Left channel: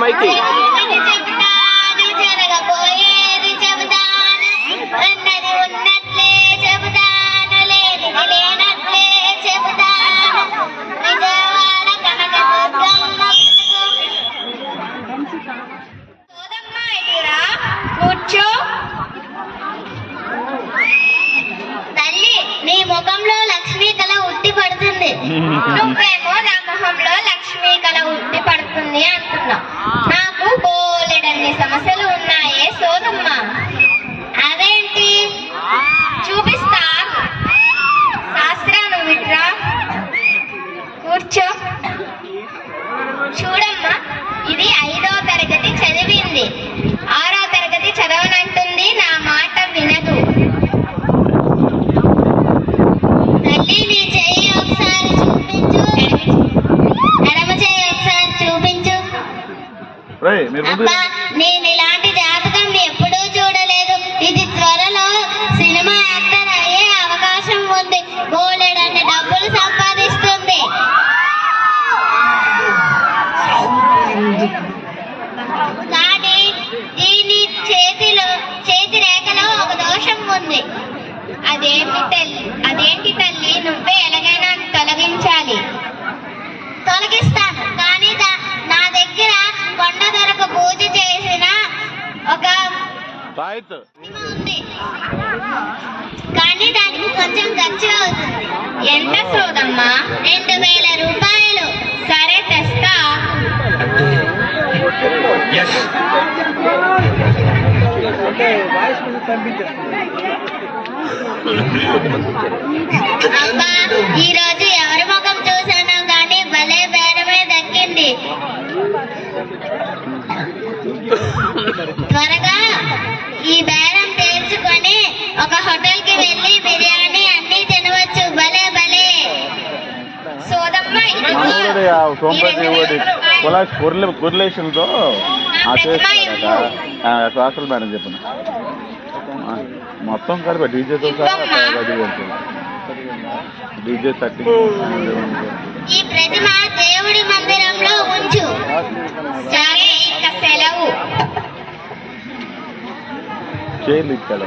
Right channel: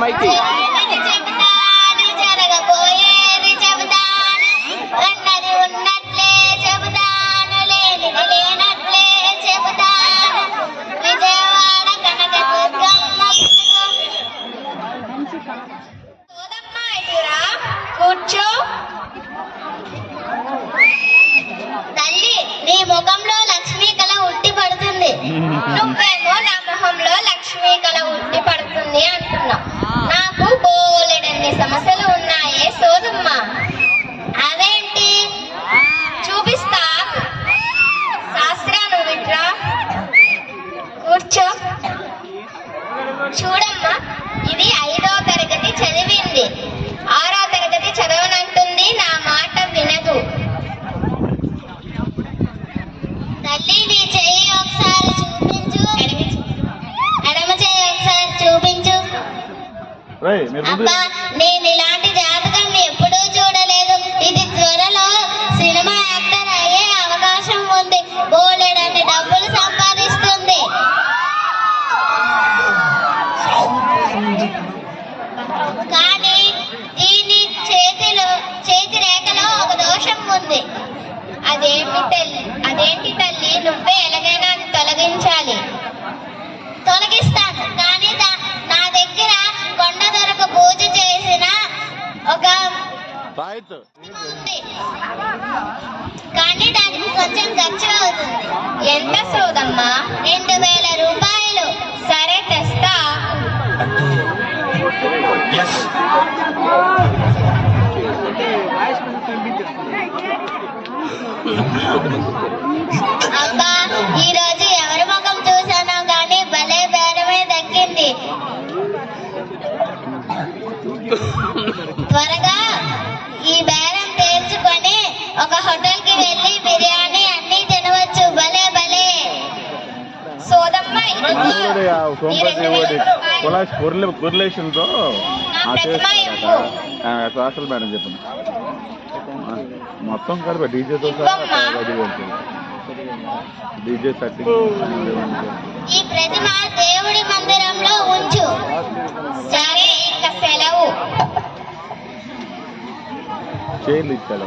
మైకి జరగబోయేది చెబుతాను, ఉన్నది ఉన్నట్లే చెబుతాను, లేనిది లేనట్లే చెబుతాను. విజయవాడ కనకదుర్గమ్మ సోదమ్మ ఇటురా కూర్చో. తల్లి, నీ ముఖంలో లక్ష్మీ కళ ఉట్టి పడుతుంది. నువ్వేమో నా మొహంలో లక్ష్మీ కళ ఉట్టి పడుతుంది అంటున్నావు. నాకు బోలెడన్ని సమస్యలు ఉన్నాయే సోదమ్మ. అదేంటి చూపిస్తా. శాస్త్రాలు విట్రా కూర్చో. చూడమ్మా, ఇది 5వ తరగతి చదివింది, 6వ తరగతి చదవనంటుంది, నా మాట వినదు. తల్లి, నీ చెయ్యి ఒకసారి చూపించు, ఎడమ చెయ్యి ఒకసారి చూపించు. అబ్బా, నేను ఇలాంటి జాతకం ఎప్పుడూ చూడలేదు. ఇది త్వరలో సినిమా యాక్టర్ అయ్యే అవకాశం ఉంది, బోలెడన్ని డబ్బులు సంపాదిస్తుంది. కానీ దీని చేతి రేఖలో ఒక దోషం ఉంది. అదేంటి తల్లి? నువ్వే ఎలాగైనా అది తొలగించాలి. తొలగిస్తాను, కానీ నా దగ్గర కొండ దొరకు పూజ చేసిన ఒక ఉంది, కానీ దానికి కొంచెం ఖర్చు అవుతుంది. ఎంత సోదమ్మా? 2000 రూపాయలు. సరే, తెస్తా. అబ్బా, ఈ రోజు ఎవరి ముఖం చూసాను కానీ భలే బేరమే దక్కింది. త్వరగా ఈ బేరం తేల్చుకొని ఒక హోటల్ కి వెళ్ళి బిర్యానీ అన్ని తినవచ్చు. భలే భలే సోదమ్మ, కొరిలేషన్తో సోషల్ మేడం చెప్పిన మొత్తం కలిపి డీజేతో డీజే 30. ఈ ప్రతిమ దేవుడి మందిరంలో ఉంచు. సరే, ఇక సెలవు. చేర్లు ఇచ్చాడు.